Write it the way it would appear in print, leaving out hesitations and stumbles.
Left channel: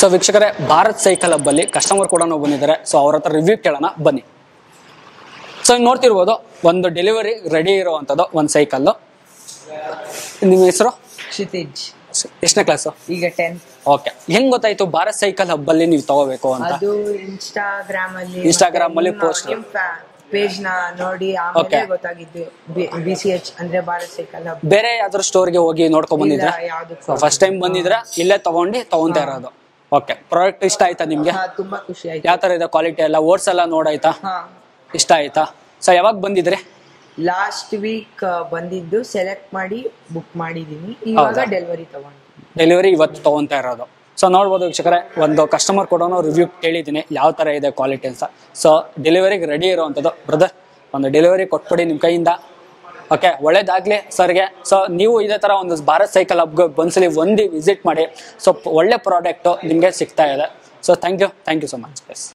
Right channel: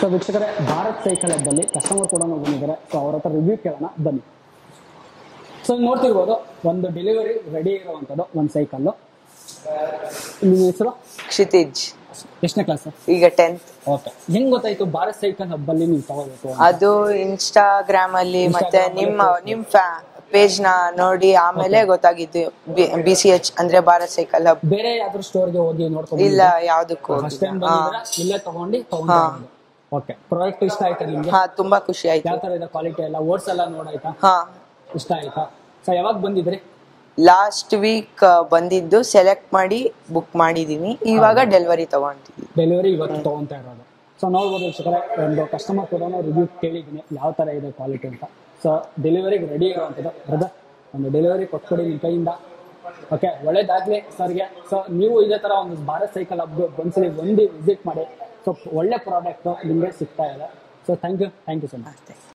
So ವೀಕ್ಷಕರೇ, Bharat cycle ಹಬ್ಬಲ್ಲಿ customer ಕೂಡ ಬಂದಿದ್ದಾರೆ. ಸೊ ಅವ್ರ ಹತ್ರ ರಿವ್ಯೂ ಕೇಳೋಣ ಬನ್ನಿ. ಸೊ ಈಗ ನೋಡ್ತಿರ್ಬೋದು, ಒಂದು ಡೆಲಿವರಿ ರೆಡಿ ಇರುವಂಥದ್ದು ಒಂದು ಸೈಕಲ್ಲು. ನಿಮ್ಮ ಹೆಸರು? ಕ್ಷಿತಿಜ್. ಎಷ್ಟನೇ ಕ್ಲಾಸು? ಈಗ 10th. ಓಕೆ. ಹೆಂಗ್ ಗೊತ್ತಾಯ್ತು ಭಾರತ್ ಸೈಕಲ್ ಹಬ್ಬಲ್ಲಿ ನೀವು ತಗೋಬೇಕು ಅಂತ? ಅದು ಇನ್ಸ್ಟಾಗ್ರಾಮ್ ಅಲ್ಲಿ post. ನಿಮ್ ಪೇಜ್ ನ ನೋಡಿ ಆಮೇಲೆ ಗೊತ್ತಾಗಿದ್ದು. BCH ಅಂದ್ರೆ ಭಾರತ್ ಸೈಕಲ್ ಹಬ್. ಬೇರೆ ಯಾವ್ದಾದ್ರು ಸ್ಟೋರ್ಗೆ ಹೋಗಿ ನೋಡ್ಕೊಂಡ್ ಇಲ್ಲ, ಬಂದಿದ್ರಾ? ಯಾವ್ದಕ್ಕೂ ಫಸ್ಟ್ ಟೈಮ್ ಬಂದಿದ್ರೆ ಇಲ್ಲೇ ತಗೊಂತಾ ಇರೋದು. ಓಕೆ. ಪ್ರಾಡಕ್ಟ್ ಇಷ್ಟ ಆಯ್ತಾ ನಿಮ್ಗೆ? ತುಂಬಾ ಖುಷಿ ಆಯ್ತು. ಯಾವ ತರ ಇದೆ ಕ್ವಾಲಿಟಿ ಎಲ್ಲ? ಓಡ್ಸ್ ಎಲ್ಲ ನೋಡಾಯ್ತಾ? ಇಷ್ಟ ಆಯ್ತಾ? ಸೊ ಯಾವಾಗ ಬಂದಿದ್ರಿ? ಲಾಸ್ಟ್ ವೀಕ್ ಬಂದಿದ್ದು, ಸೆಲೆಕ್ಟ್ ಮಾಡಿ ಬುಕ್ ಮಾಡಿದೀನಿ. ಇವಾಗ ಡೆಲಿವರಿ ತಗೊಂಡಿದ್ದೀನಿ. ಡೆಲಿವರಿ ಇವತ್ತು ತಗೊಂತಾ ಇರೋದು. ಸೊ ನೋಡ್ಬೋದು ವೀಕ್ಷಕರೇ, ಒಂದು ಕಸ್ಟಮರ್ ಕೂಡ ರಿವ್ಯೂ ಕೇಳಿದ್ದೀನಿ ಯಾವ ಥರ ಇದೆ ಕ್ವಾಲಿಟಿ ಅಂತ. ಸೊ ಡೆಲಿವರಿಗೆ ರೆಡಿ ಇರುವಂಥದ್ದು. ಬ್ರದರ್, ಒಂದು ಡೆಲಿವರಿ ಕೊಟ್ಬಿಡಿ ನಿಮ್ಮ ಕೈಯಿಂದ. ಓಕೆ, ಒಳ್ಳೇದಾಗಲಿ ಸರ್ಗೆ. ಸೊ ನೀವು ಇದೇ ಥರ ಒಂದು ಭಾರತ್ ಸೈಕಲ್ ಹಬ್ಗೆ ಒಂದ್ಸಲಿ ವಿಸಿಟ್ ಮಾಡಿ. ಸೊ ಒಳ್ಳೆ ಪ್ರಾಡಕ್ಟು ನಿಮಗೆ ಸಿಗ್ತಾ ಇದೆ. So thank you so much.